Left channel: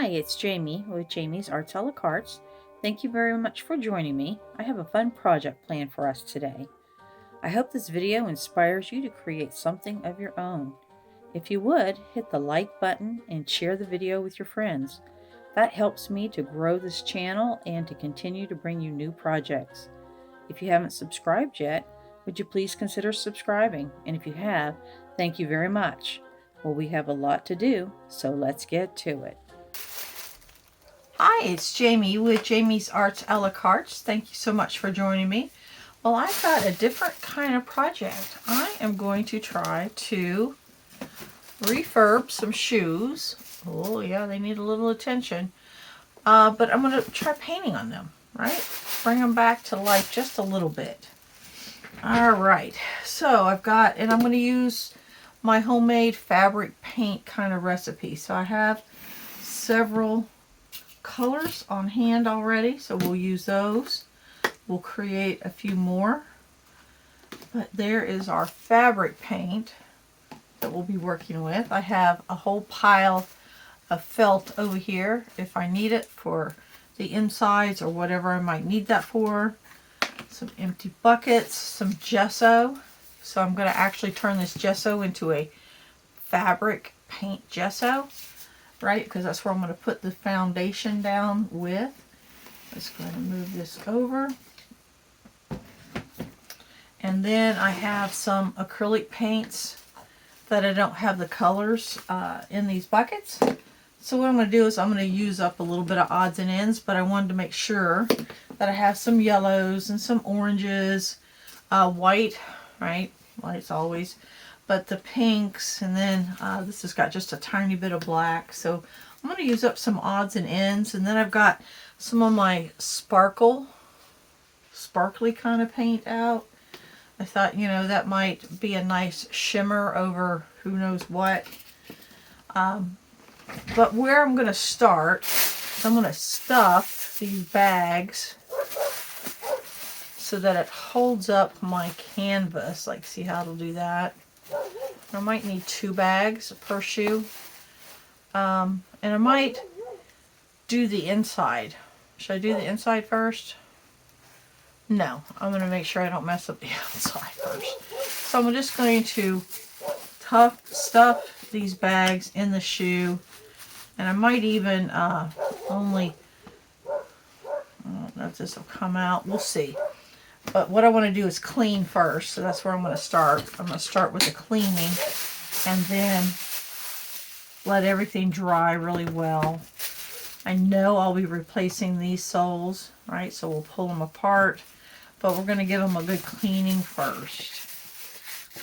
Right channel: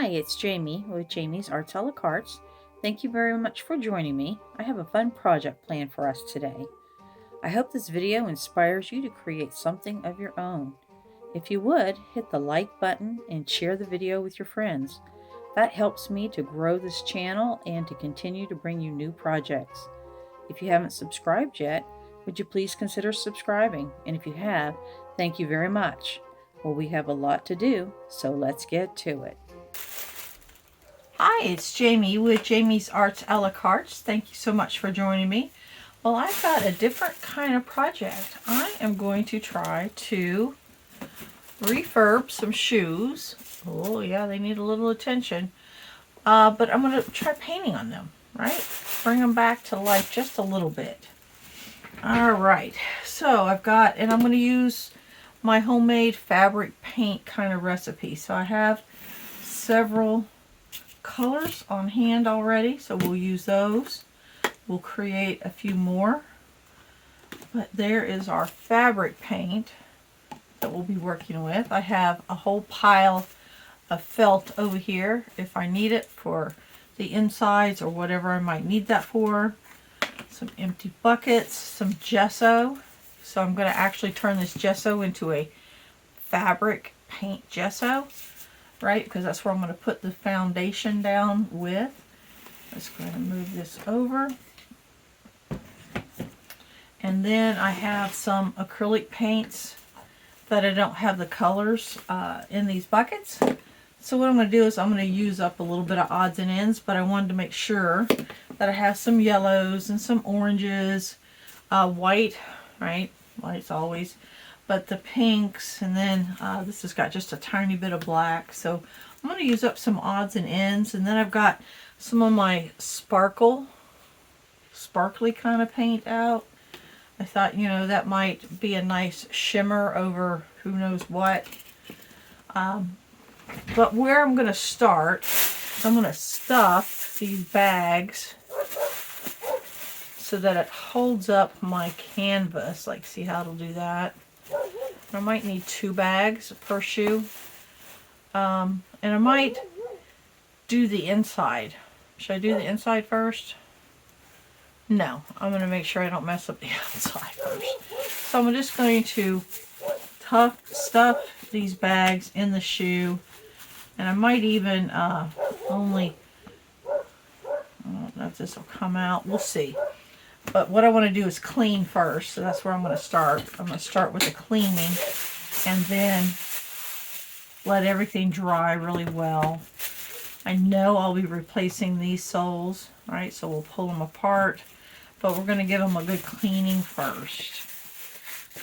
Hi, it's Jamie with Jamie's Arts a la Cartes. Thank you very much for joining me. I have a fun project planned for us today. I hope this video inspires you to create something of your own. If you would, hit the like button and share the video with your friends. That helps me to grow this channel and to continue to bring you new projects. If you haven't subscribed yet, would you please consider subscribing? And if you have, thank you very much. Well, we have a lot to do, so let's get to it. Hi, it's Jamie with Jamie's Arts a la Cartes. Thank you so much for joining me. Well, I've got a different kind of project. I am going to try to refurb some shoes. Oh yeah, they need a little attention. But I'm going to try painting on them, right? Bring them back to life just a little bit. All right, so I've got, and I'm going to use my homemade fabric paint kind of recipe. So I have several colors on hand already, so we'll use those. We'll create a few more, but there is our fabric paint that we'll be working with. I have a whole pile of felt over here if I need it for the insides or whatever I might need that for. Some empty buckets, some gesso. So I'm going to actually turn this gesso into a fabric paint gesso, right? Because that's where I'm going to put the foundation down with. Let's go ahead and move this over. And then I have some acrylic paints that I don't have the colors in these buckets. So what I'm going to do is I'm going to use up a little bit of odds and ends, but I wanted to make sure that I have some yellows and some oranges, white, right? White's always, but the pinks, and then this has got just a tiny bit of black. So I'm going to use up some odds and ends, and then I've got some of my sparkly kind of paint out. I thought, you know, that might be a nice shimmer over who knows what. But where I'm going to start, I'm going to stuff these bags so that it holds up my canvas. Like, see how it'll do that? I might need 2 bags per shoe. And I might do the inside. Should I do the inside first? No, I'm going to make sure I don't mess up the outside first. So I'm just going to stuff these bags in the shoe. And I might even I don't know if this will come out. We'll see. But what I want to do is clean first. So that's where I'm going to start. I'm going to start with the cleaning and then let everything dry really well. I know I'll be replacing these soles, right? So we'll pull them apart. But we're going to give them a good cleaning first.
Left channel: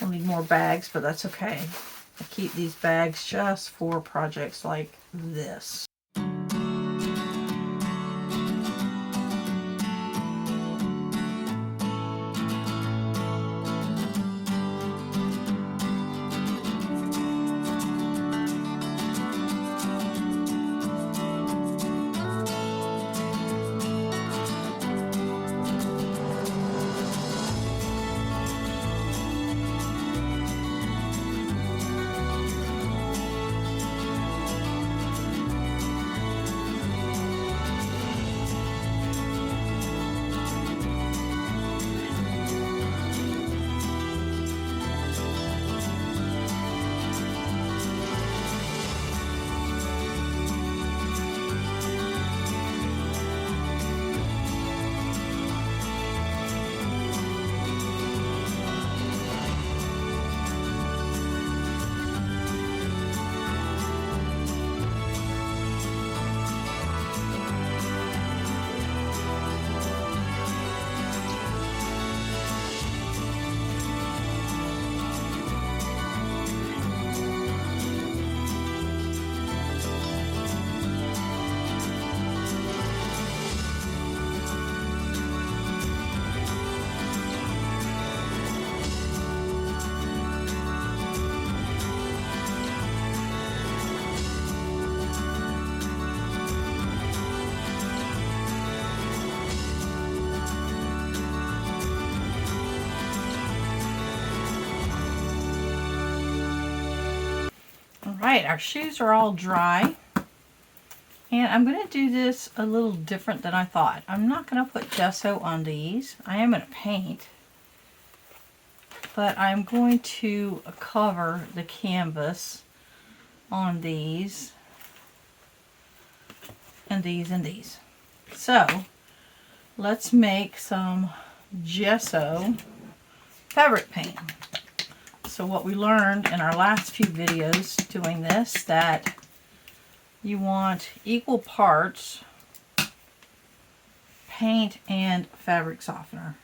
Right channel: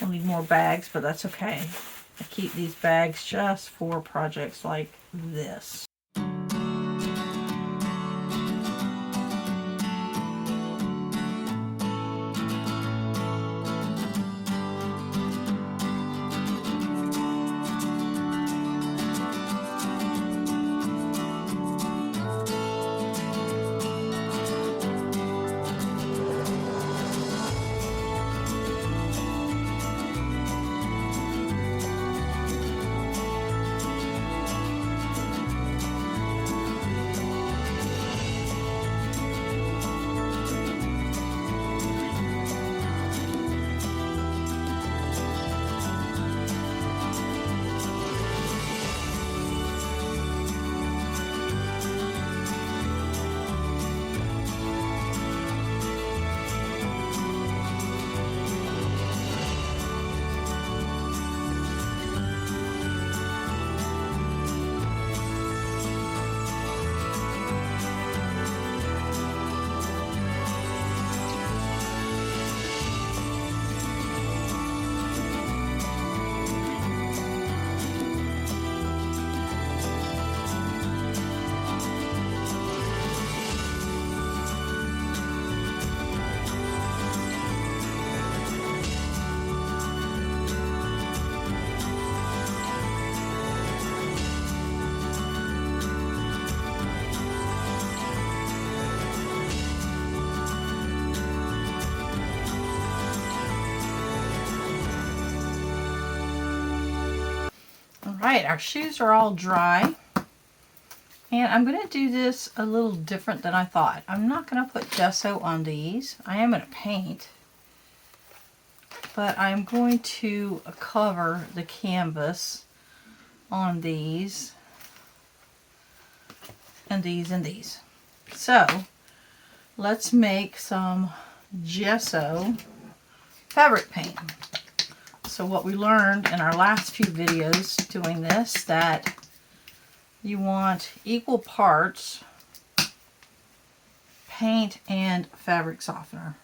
We'll need more bags, but that's okay. I keep these bags just for projects like this. All right, our shoes are all dry. And I'm going to do this a little different than I thought. I'm not going to put gesso on these. I am going to paint. But I'm going to cover the canvas on these. And these and these. So, let's make some gesso fabric paint. So what we learned in our last few videos doing this, that you want equal parts paint and fabric softener.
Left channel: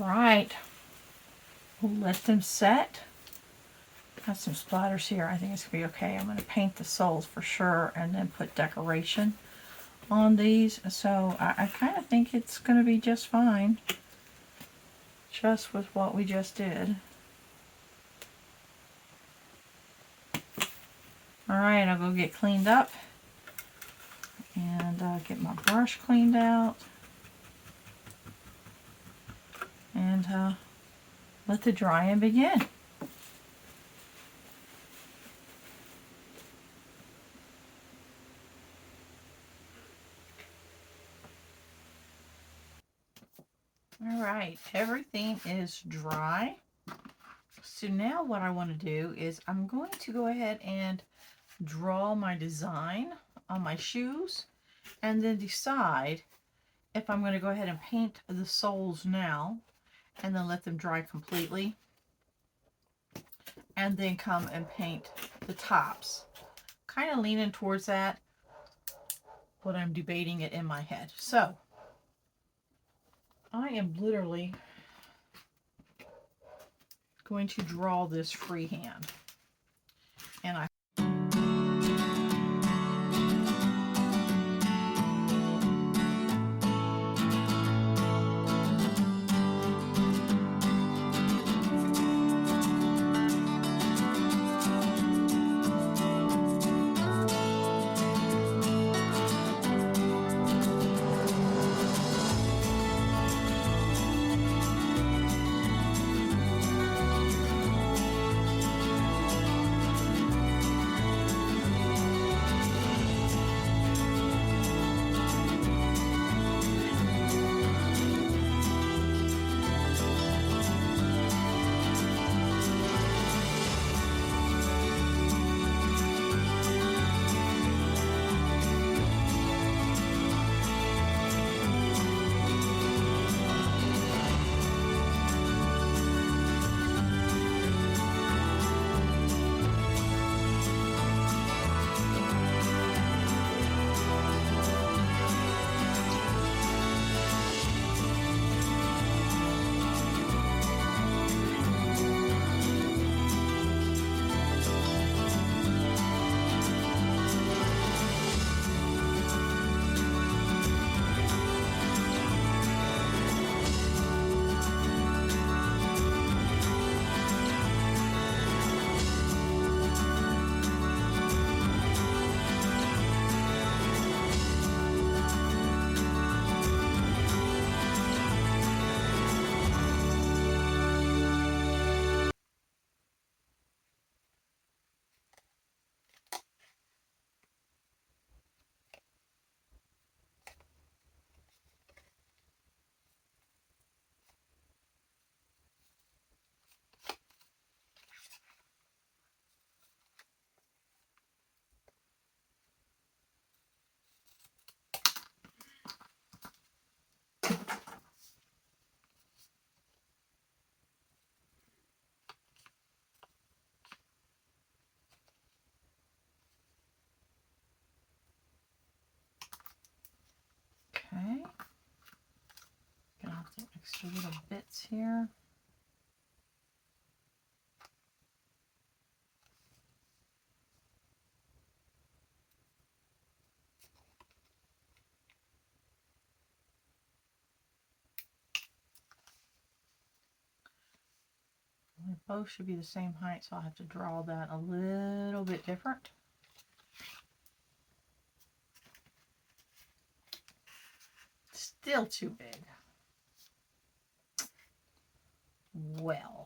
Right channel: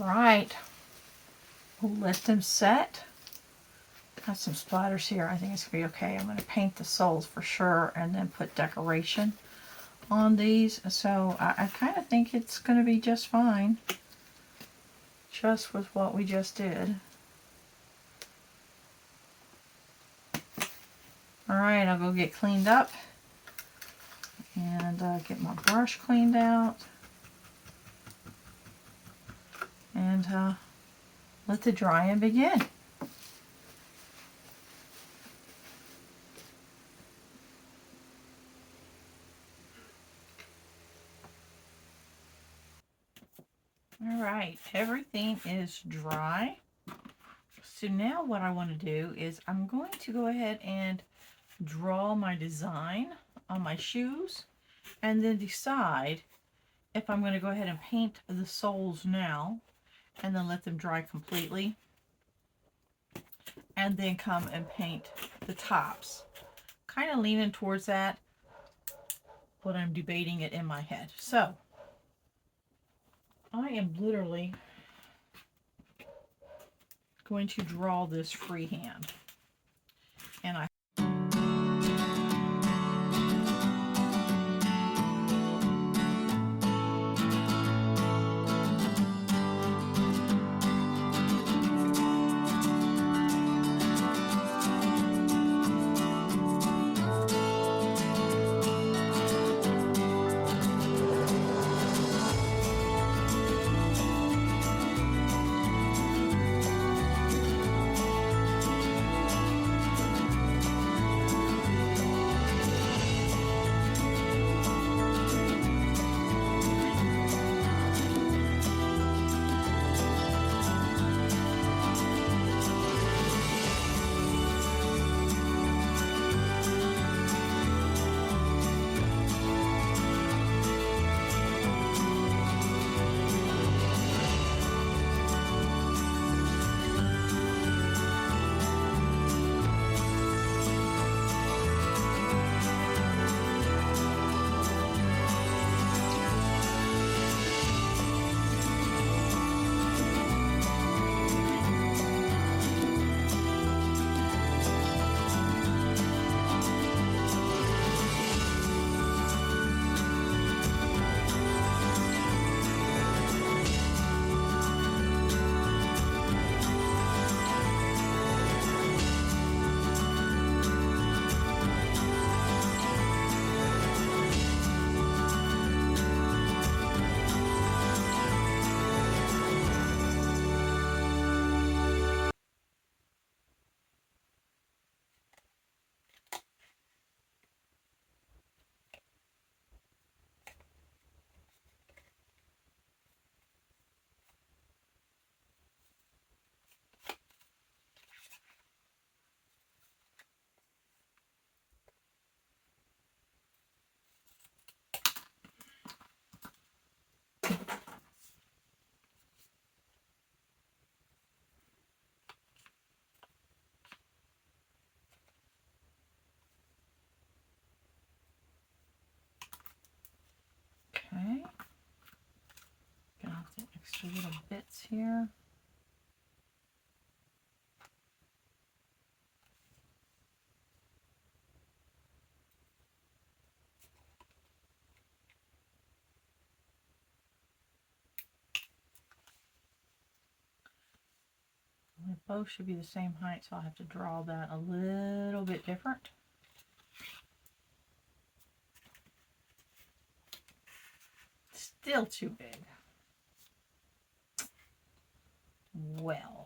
Alright, we'll let them set. Got some splatters here. I think it's going to be okay. I'm going to paint the soles for sure and then put decoration on these. So I kind of think it's going to be just fine. Just with what we just did. Alright, I'll go get cleaned up. And get my brush cleaned out. And let the drying begin. Alright, everything is dry. So now what I want to do is I'm going to go ahead and draw my design on my shoes and then decide if I'm going to go ahead and paint the soles now and then let them dry completely and then come and paint the tops. Kind of leaning towards that, but I'm debating it in my head. So I am literally going to draw this freehand. And I the little bits here. They both should be the same height, so I'll have to draw that a little bit different. Still too big. Well.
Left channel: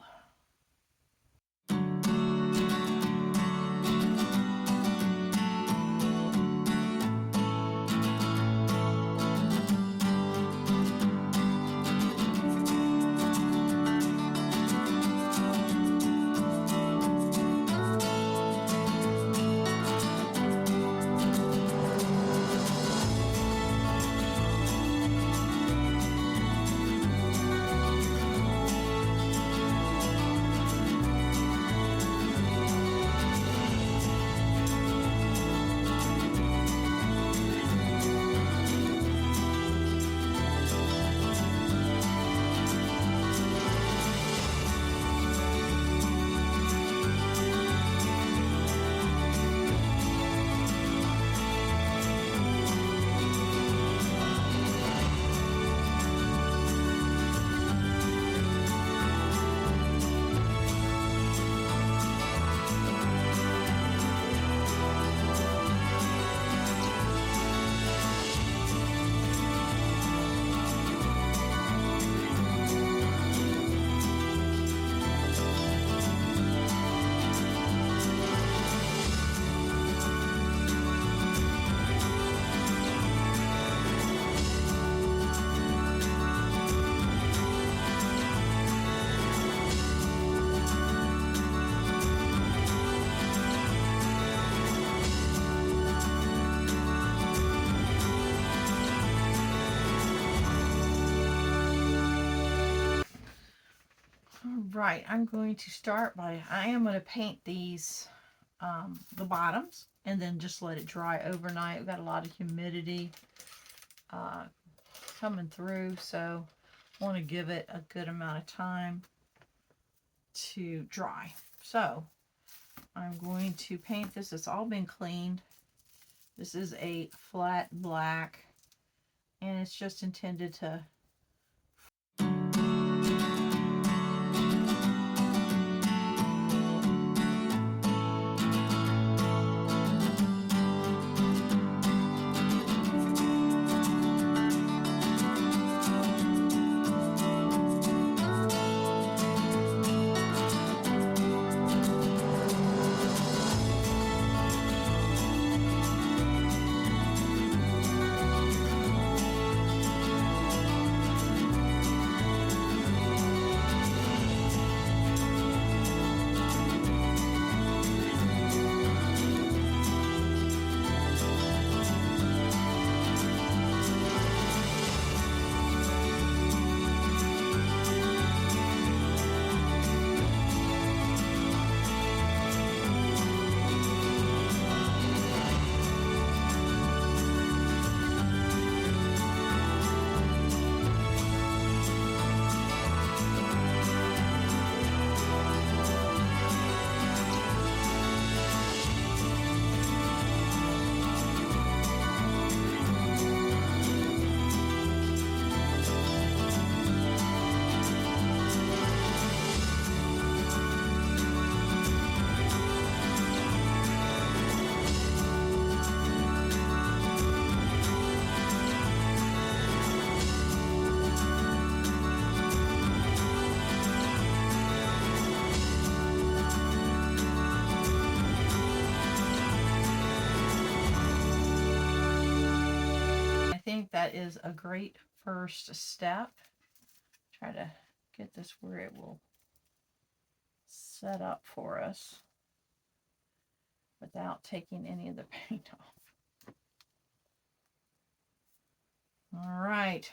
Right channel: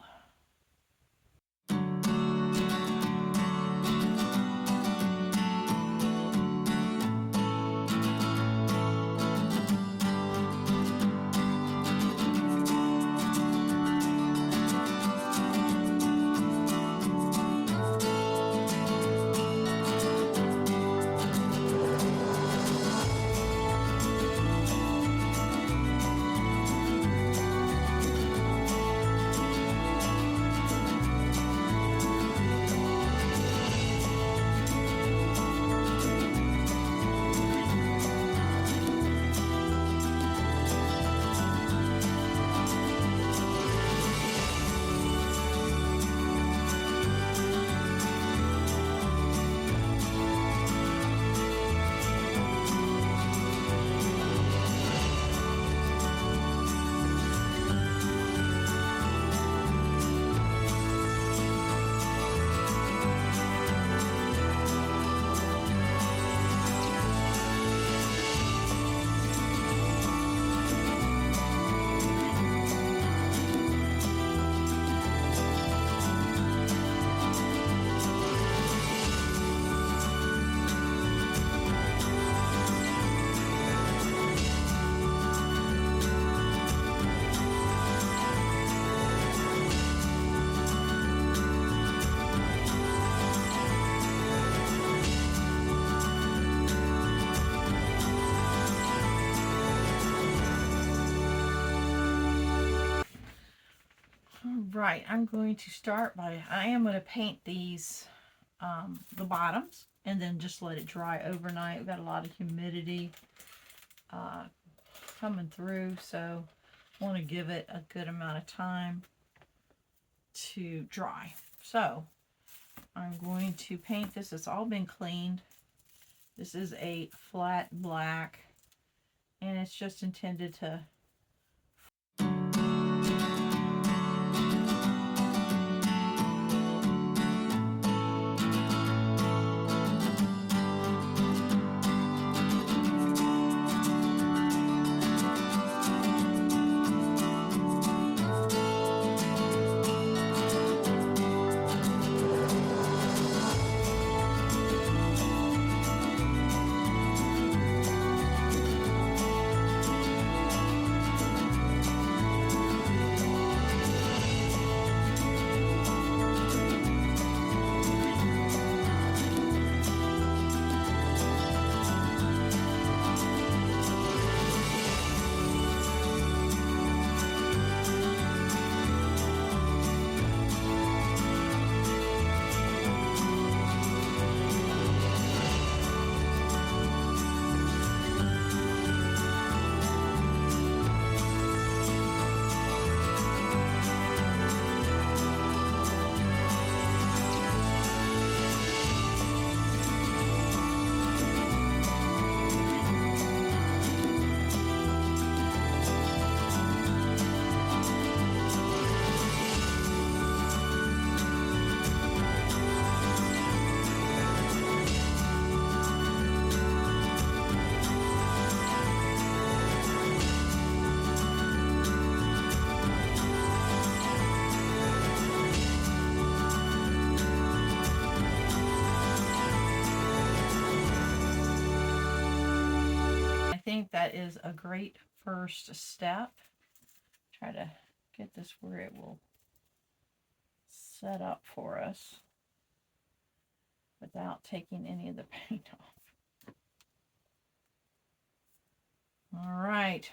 Right, I'm going to start by, I am going to paint these, the bottoms, and then just let it dry overnight. We've got a lot of humidity coming through, so I want to give it a good amount of time to dry. So I'm going to paint this. It's all been cleaned. This is a flat black, and it's just intended to that is a great first step. Try to get this where it will set up for us without taking any of the paint off. All right,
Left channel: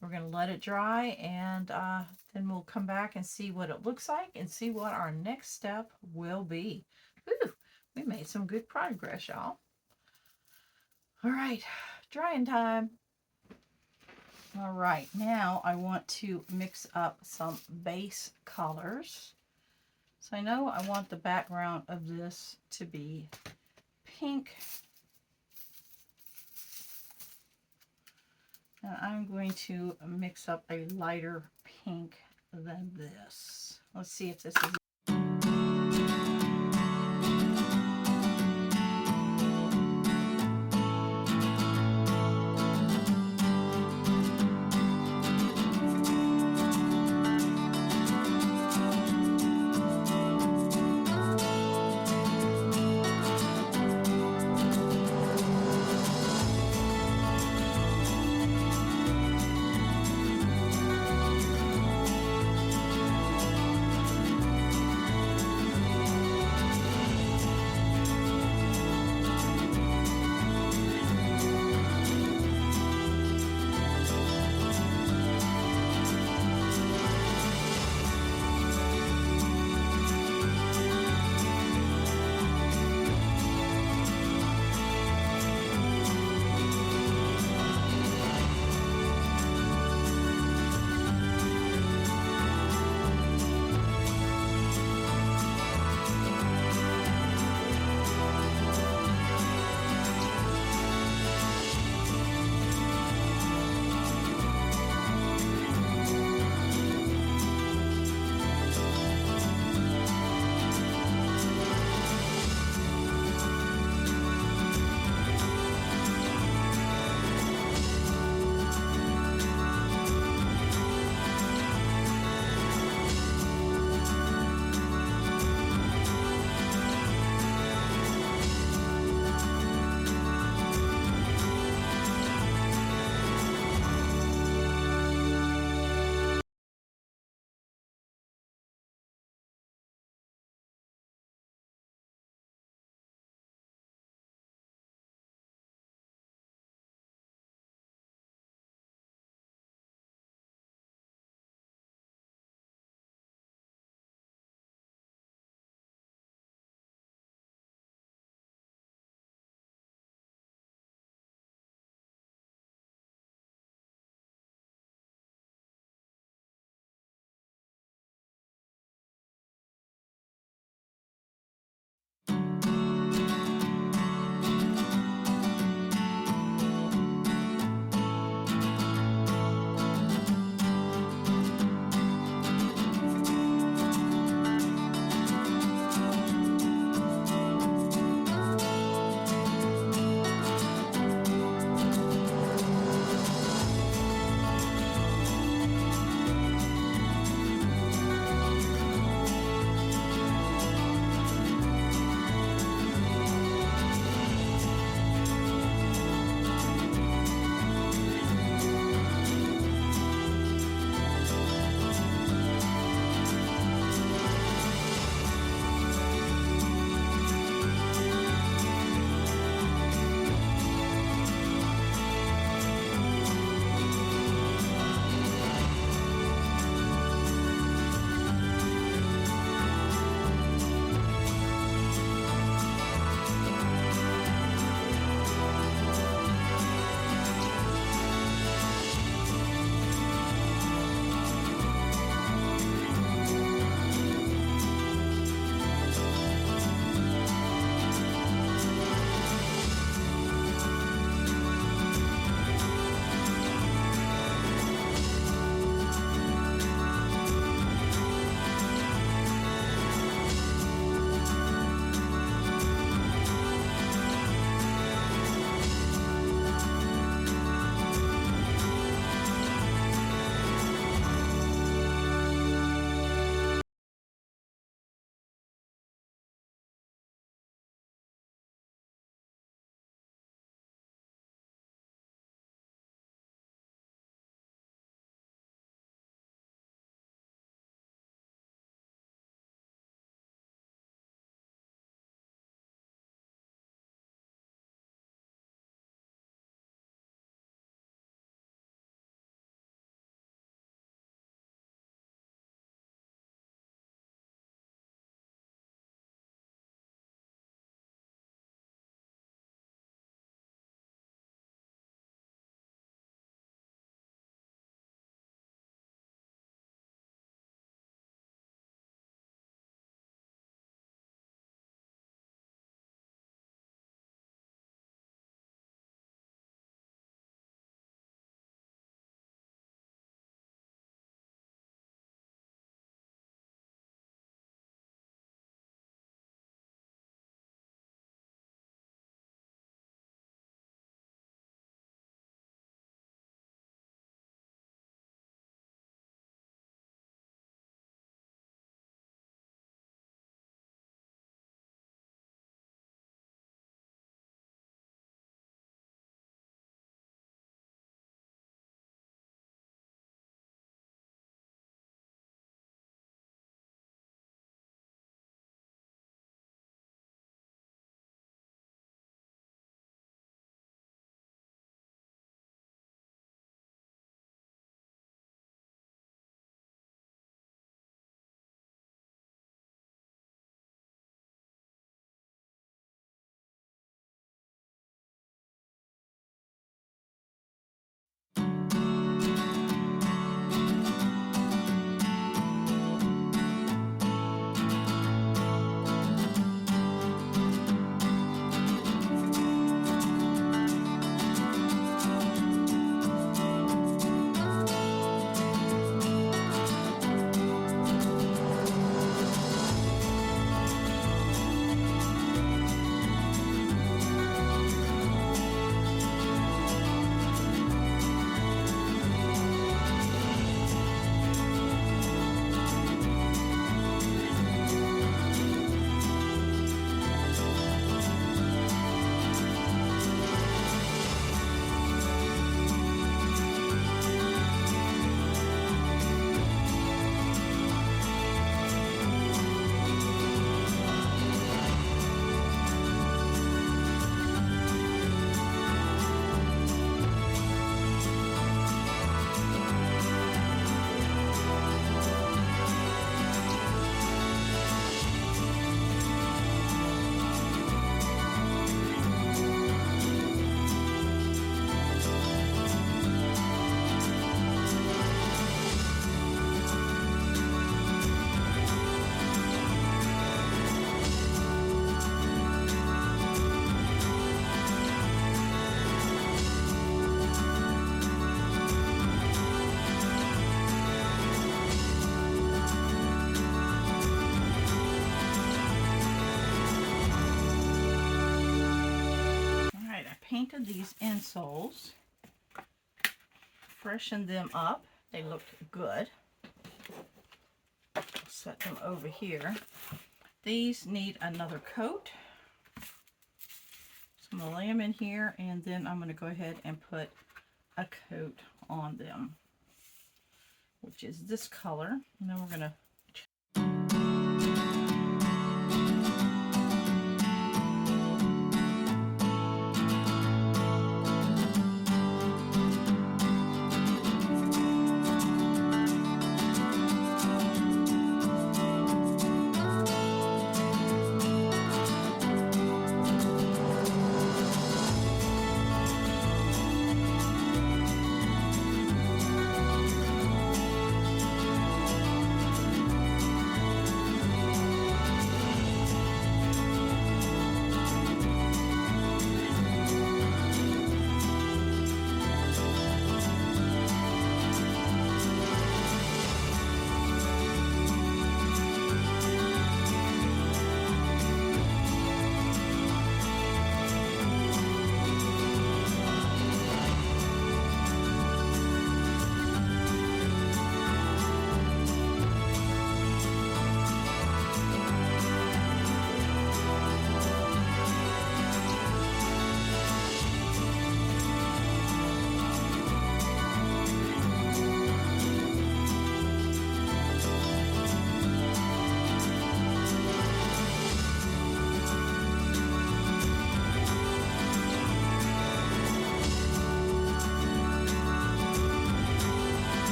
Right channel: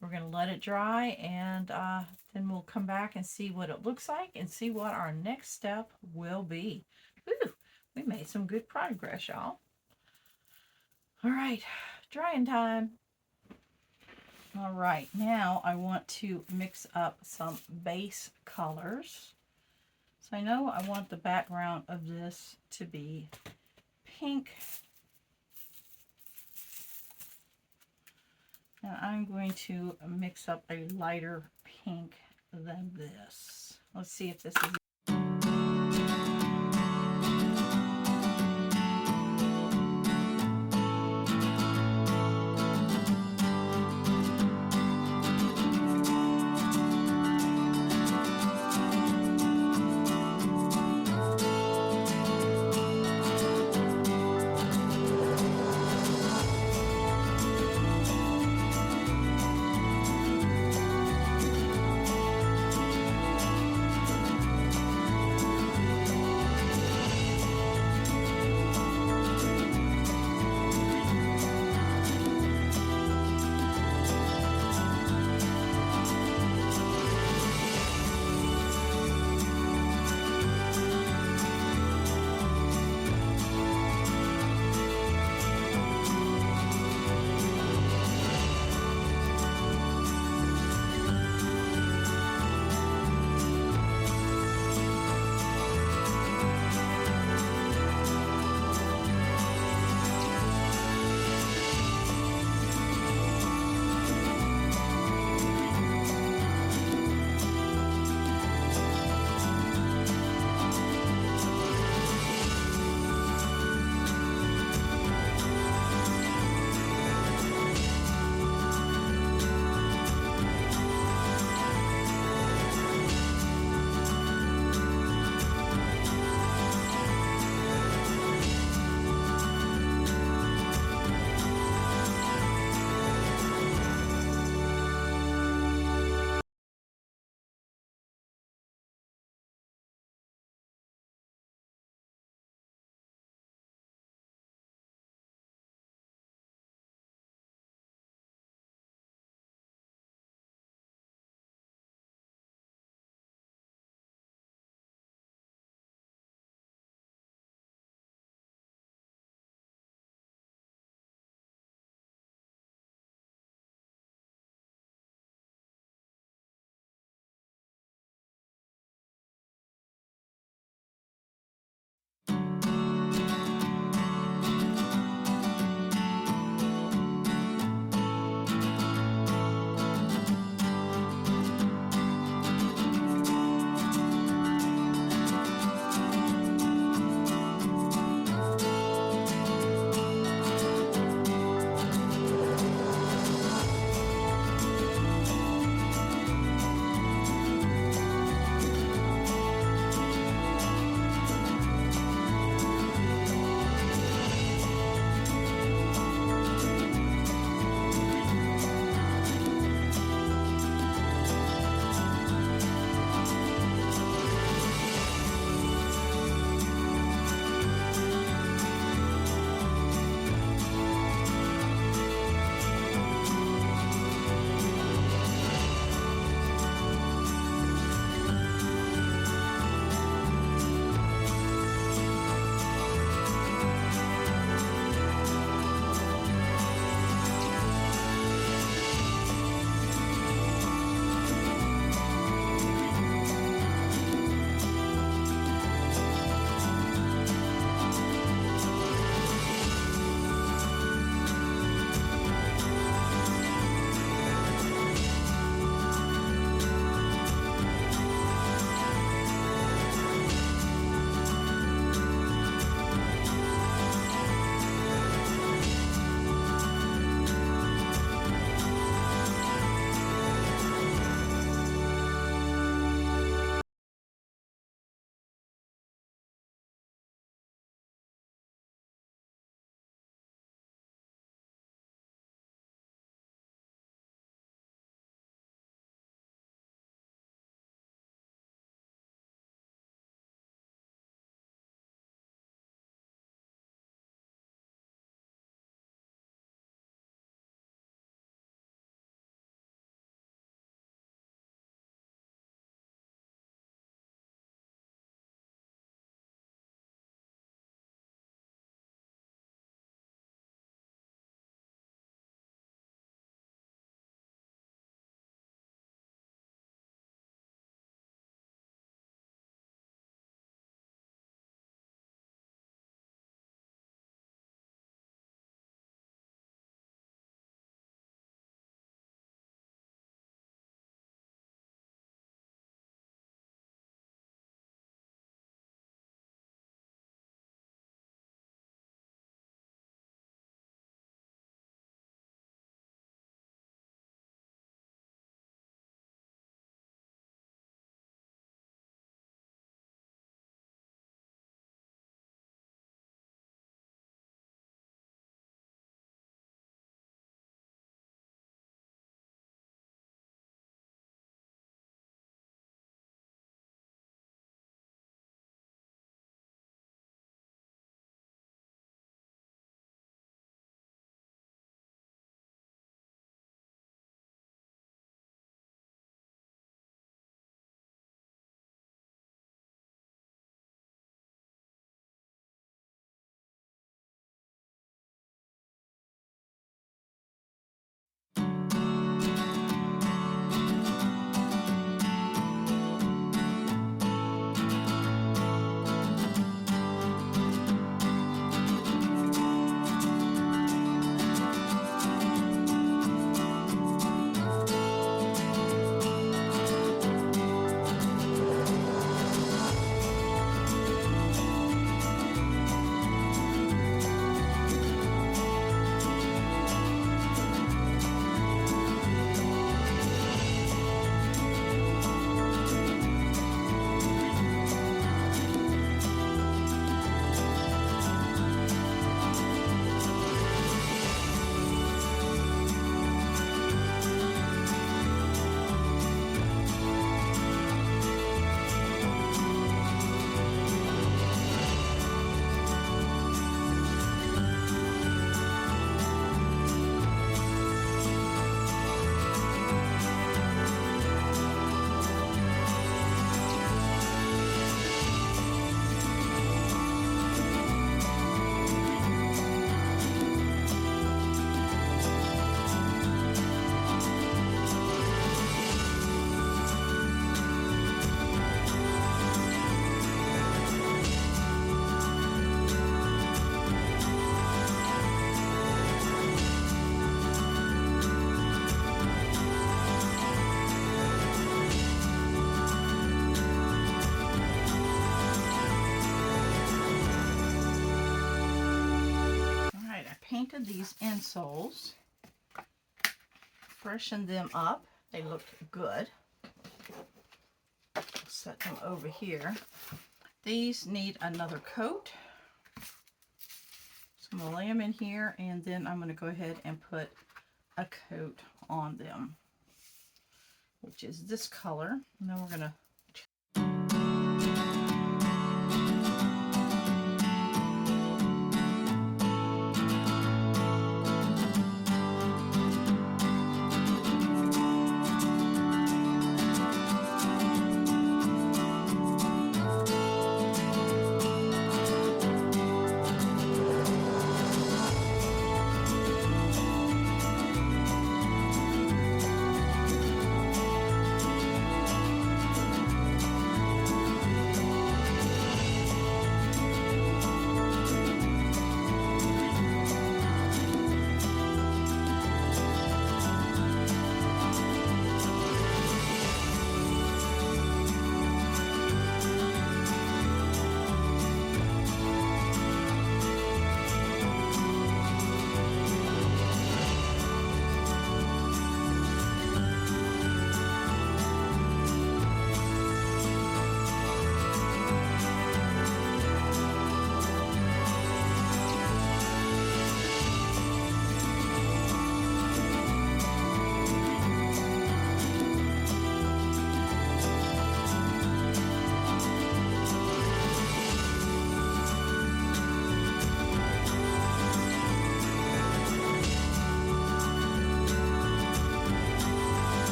we're going to let it dry, and then we'll come back and see what it looks like and see what our next step will be. Whew, we made some good progress, y'all. All right, drying time. All right, now I want to mix up some base colors. So I know I want the background of this to be pink. And I'm going to mix up a lighter pink than this. Let's see if this is... painted these insoles, freshened them up. They look good. Set them over here. These need another coat. So I'm going to lay them in here, and then I'm going to go ahead and put a coat on them, which is this color. And then we're going to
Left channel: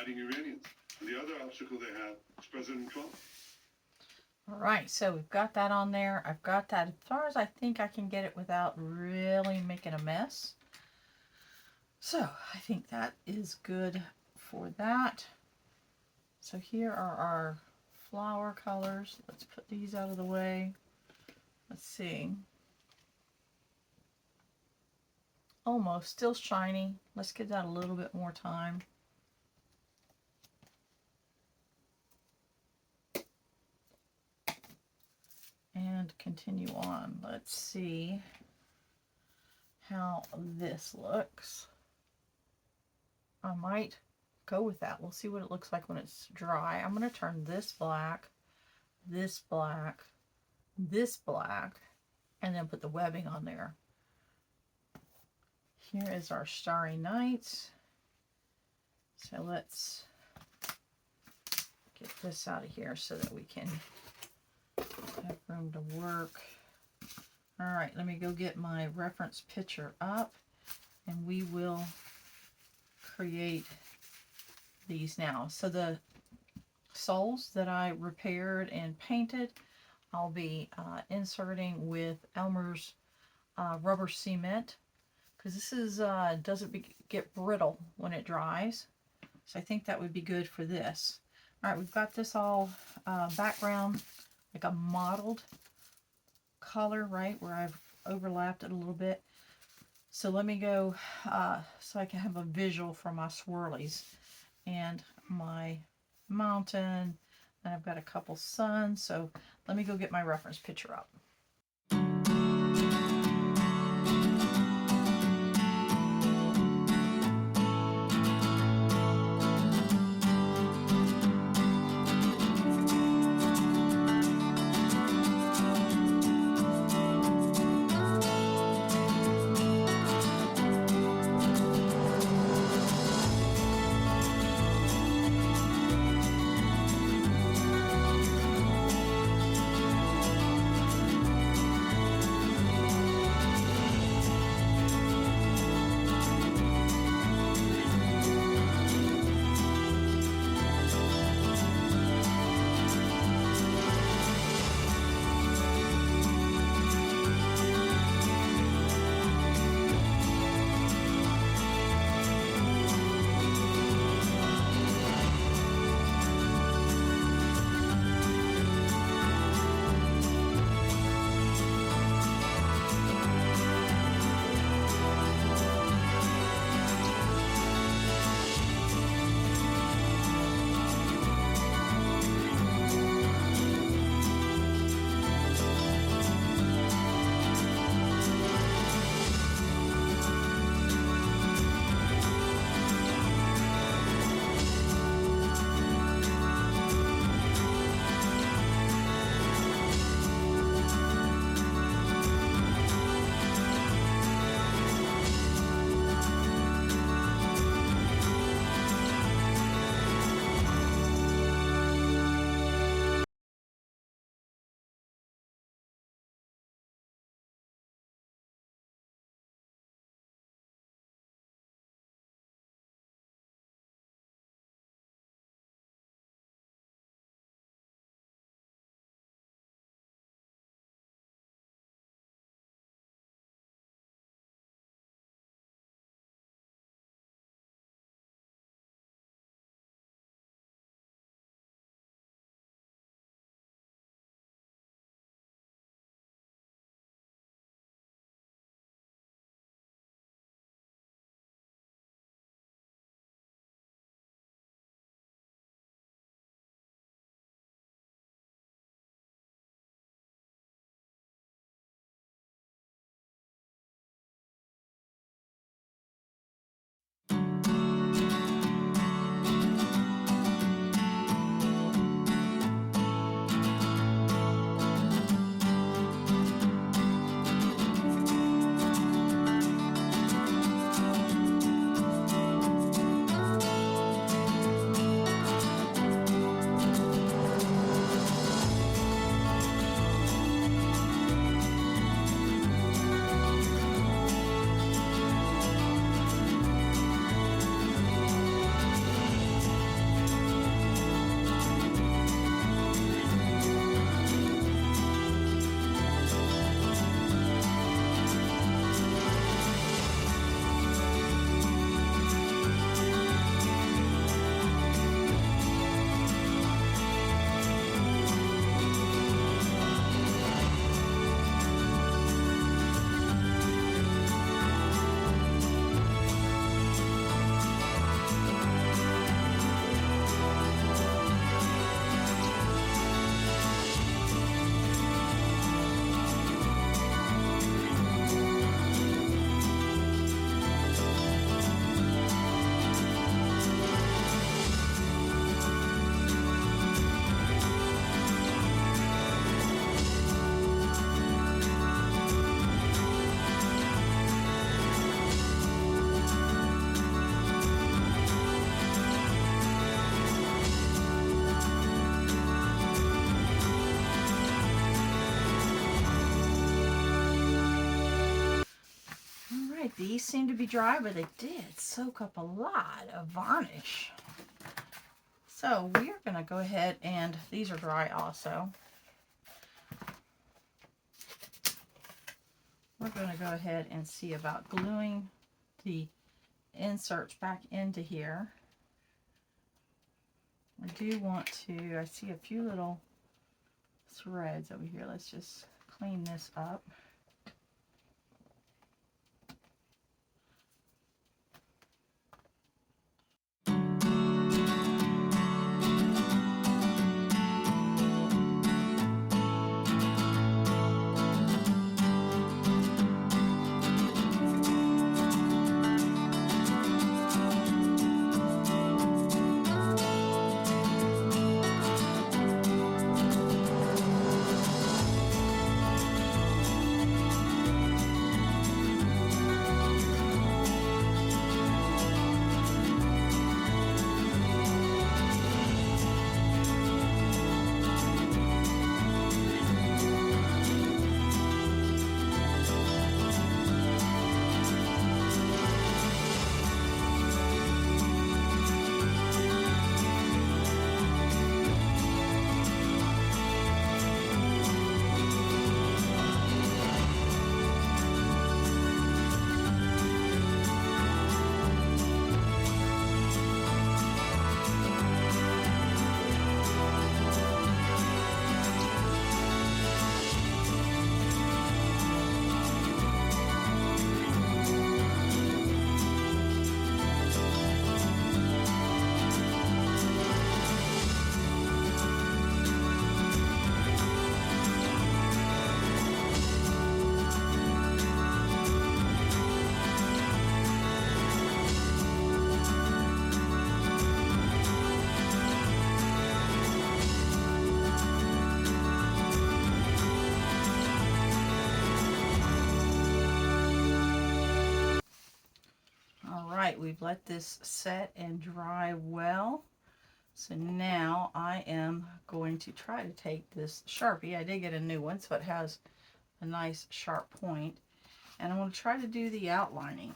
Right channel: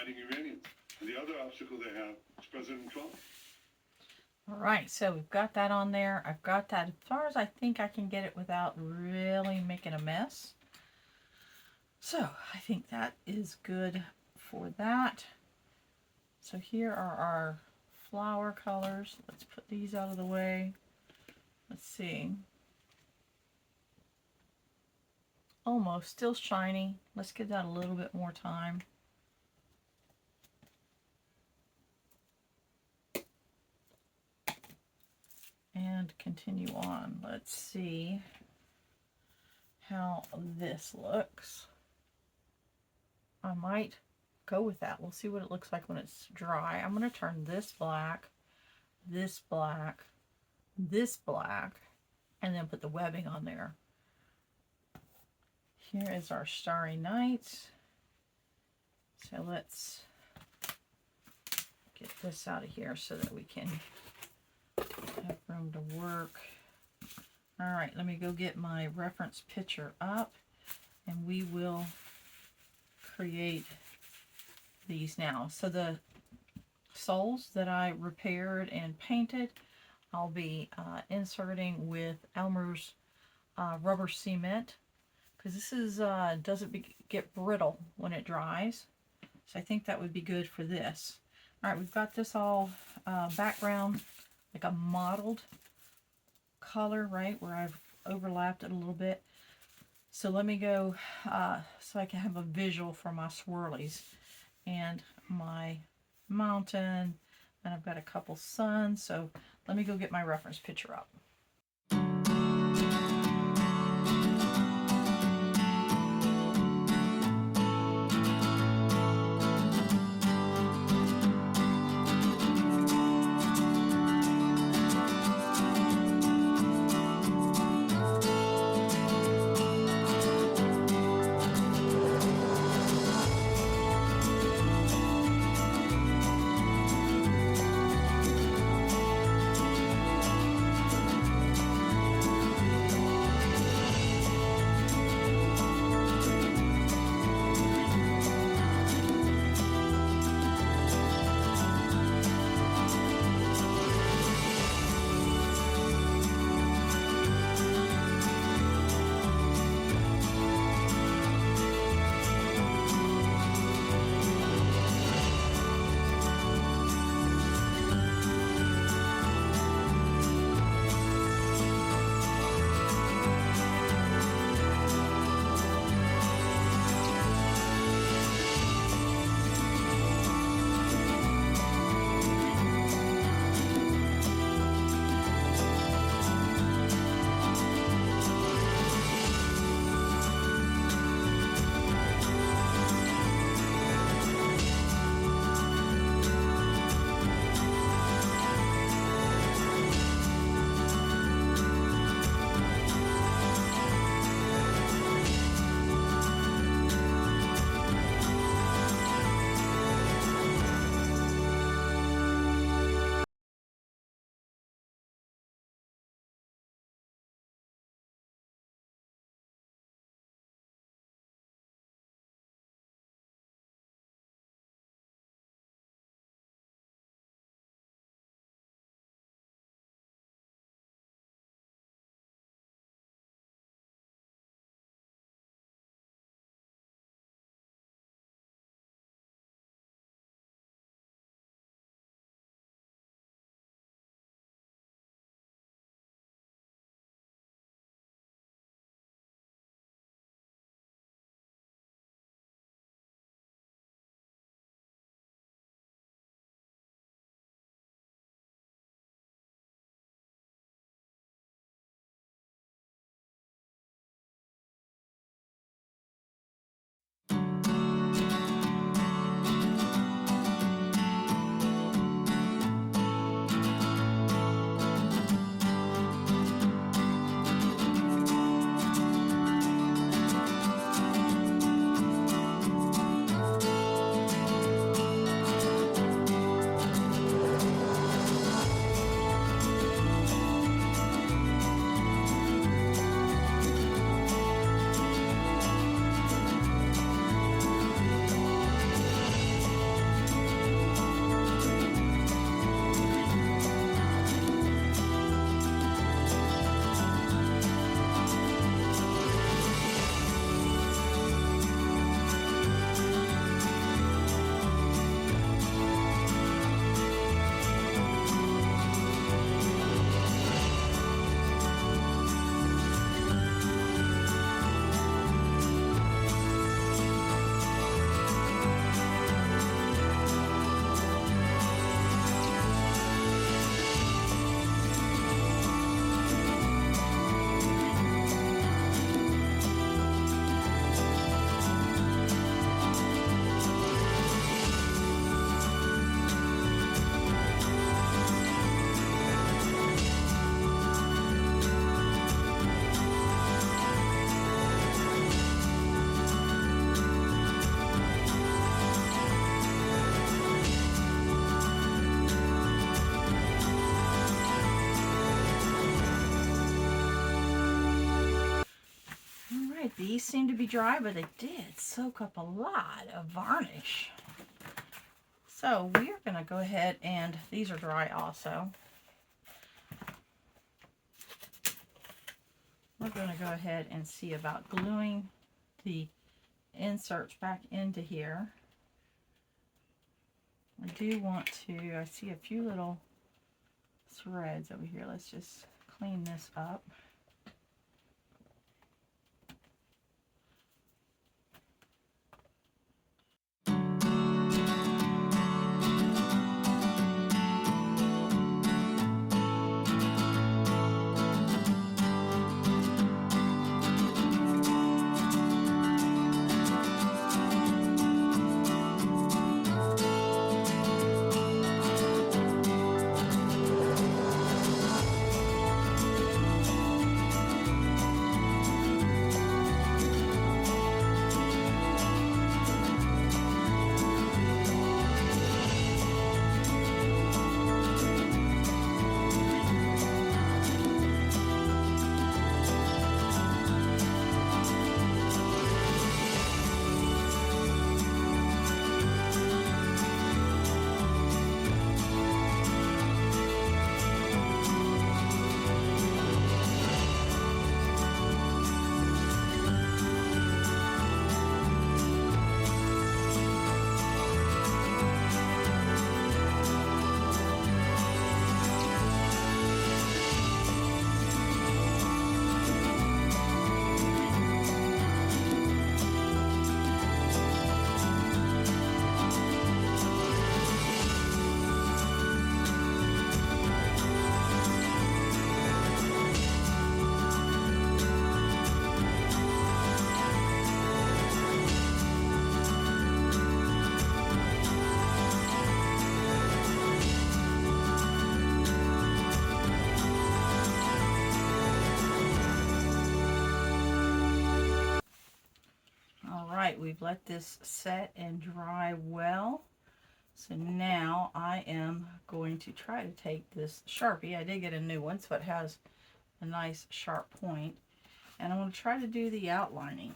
fighting Iranians. And the other obstacle they have is President Trump. All right, so we've got that on there. I've got that as far as I think I can get it without really making a mess. So I think that is good for that. So here are our flower colors. Let's put these out of the way. Let's see. Almost, still shiny. Let's give that a little bit more time. And continue on. Let's see how this looks. I might go with that. We'll see what it looks like when it's dry. I'm going to turn this black, this black, this black, and then put the webbing on there. Here is our Starry Night. So let's get this out of here so that we can have room to work. All right, let me go get my reference picture up, and we will create these now. So the soles that I repaired and painted, I'll be inserting with Elmer's rubber cement, because this is doesn't get brittle when it dries. So I think that would be good for this. All right, we've got this all background, like a mottled color, right, where I've overlapped it a little bit. So let me go so I can have a visual for my swirlies and my mountain, and I've got a couple suns. So let me go get my reference picture up. These seem to be dry, but they did soak up a lot of varnish. So we are going to go ahead, and these are dry also. We're going to go ahead and see about gluing the inserts back into here. I do want to, I see a few little threads over here. Let's just clean this up. We've let this set and dry well. So now I am going to try to take this Sharpie. I did get a new one, so it has a nice sharp point. And I'm going to try to do the outlining.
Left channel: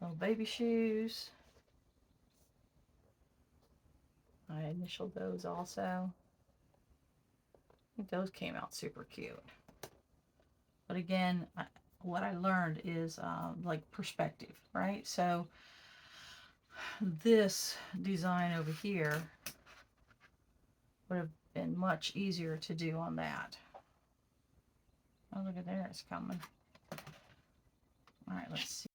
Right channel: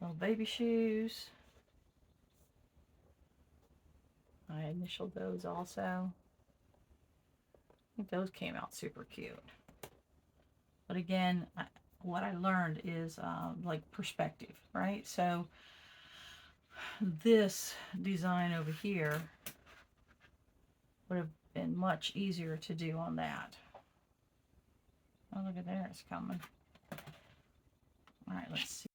Little baby shoes. I initialed those also. I think those came out super cute. But again, what I learned is like perspective, right? So this design over here would have been much easier to do on that. Oh, look at there, it's coming. All right, let's see.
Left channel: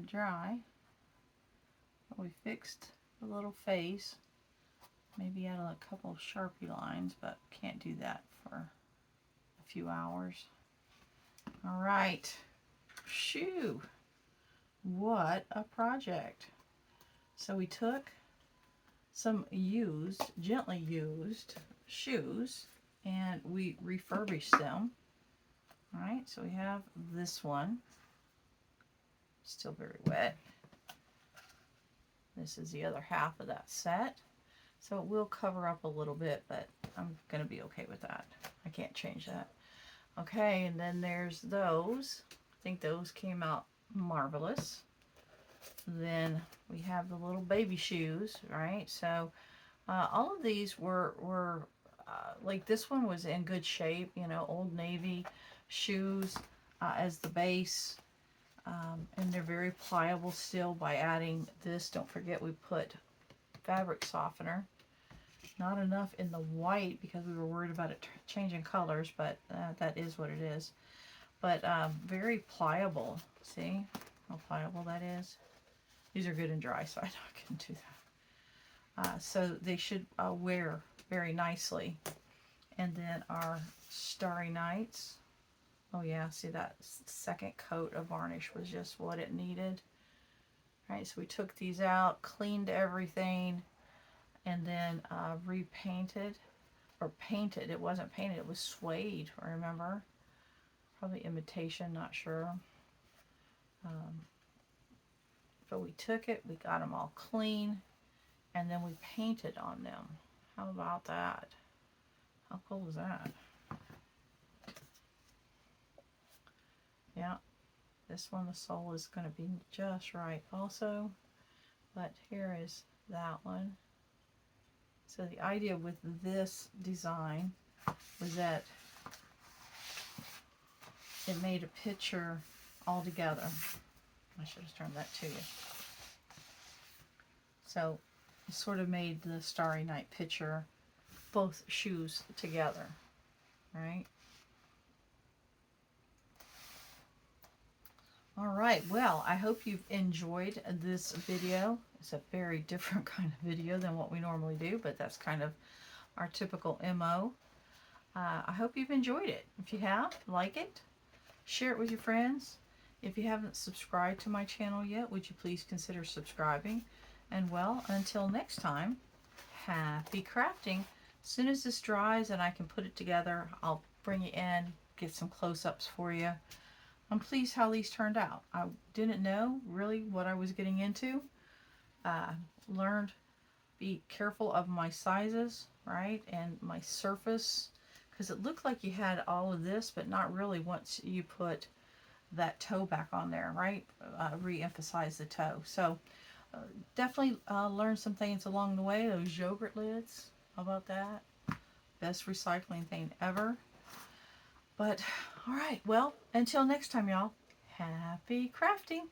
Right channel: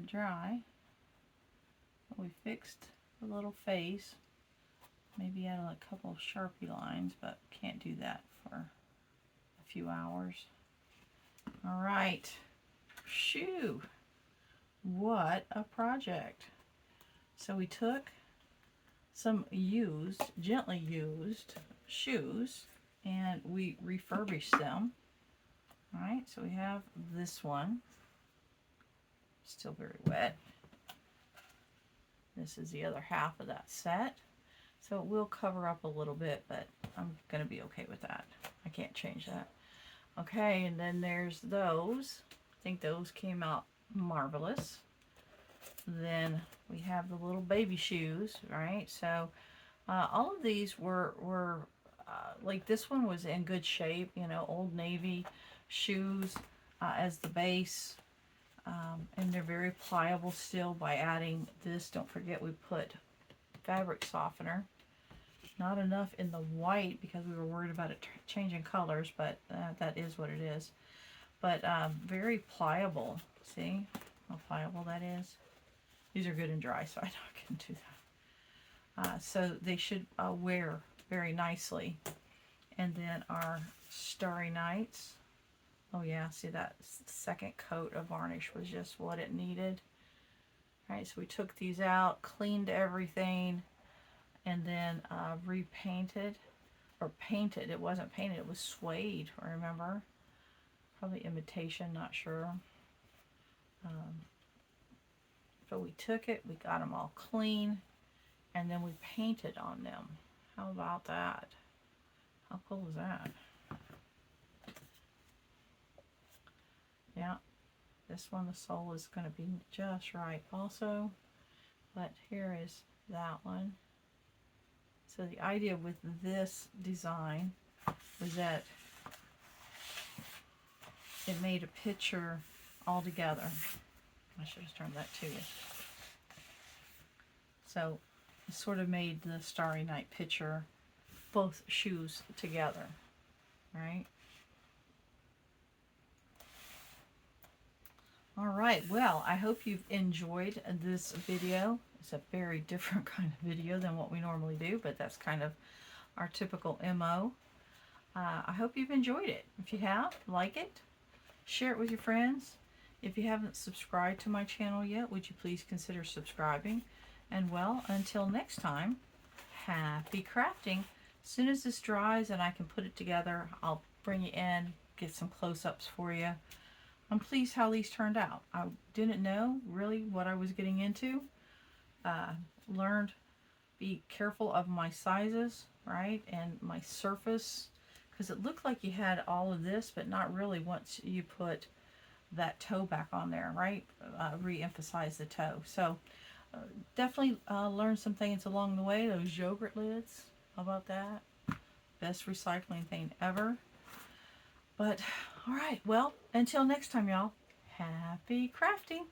it dry. We fixed the little face. Maybe add a couple of Sharpie lines, but can't do that for a few hours. All right. Shoo! What a project. So we took some gently used shoes, and we refurbished them. All right, so we have this one. Still very wet. This is the other half of that set. So it will cover up a little bit, but I'm going to be okay with that. I can't change that. Okay, and then there's those. I think those came out marvelous. Then we have the little baby shoes, right? So all of these were like this one was in good shape, you know, Old Navy shoes as the base. And they're very pliable still by adding this. Don't forget we put fabric softener. Not enough in the white because we were worried about it changing colors, but that is what it is. But very pliable. See how pliable that is? These are good and dry, so I know I can do that. So they should wear very nicely. And then our Starry Nights. Oh yeah, see that second coat of varnish was just what it needed. All right, so we took these out, cleaned everything, and then repainted, or painted. It wasn't painted, it was suede, remember? Probably imitation, not sure. But we took it, we got them all clean, and then we painted on them. How about that? How cool is that? Yeah, this one, the sole is going to be just right also. But here is that one. So the idea with this design was that it made a picture all together. I should have turned that to you. So it sort of made the Starry Night picture, both shoes together, right? All right, well, I hope you've enjoyed this video. It's a very different kind of video than what we normally do, but that's kind of our typical MO. I hope you've enjoyed it. If you have, like it, share it with your friends. If you haven't subscribed to my channel yet, would you please consider subscribing? And well, until next time, happy crafting. As soon as this dries and I can put it together, I'll bring you in, get some close-ups for you. I'm pleased how these turned out. I didn't know really what I was getting into. Learned be careful of my sizes, right? And my surface, because it looked like you had all of this, but not really once you put that toe back on there, right? Re-emphasize the toe. So definitely learned some things along the way. Those yogurt lids, how about that? Best recycling thing ever. But all right, well, until next time, y'all, happy crafting.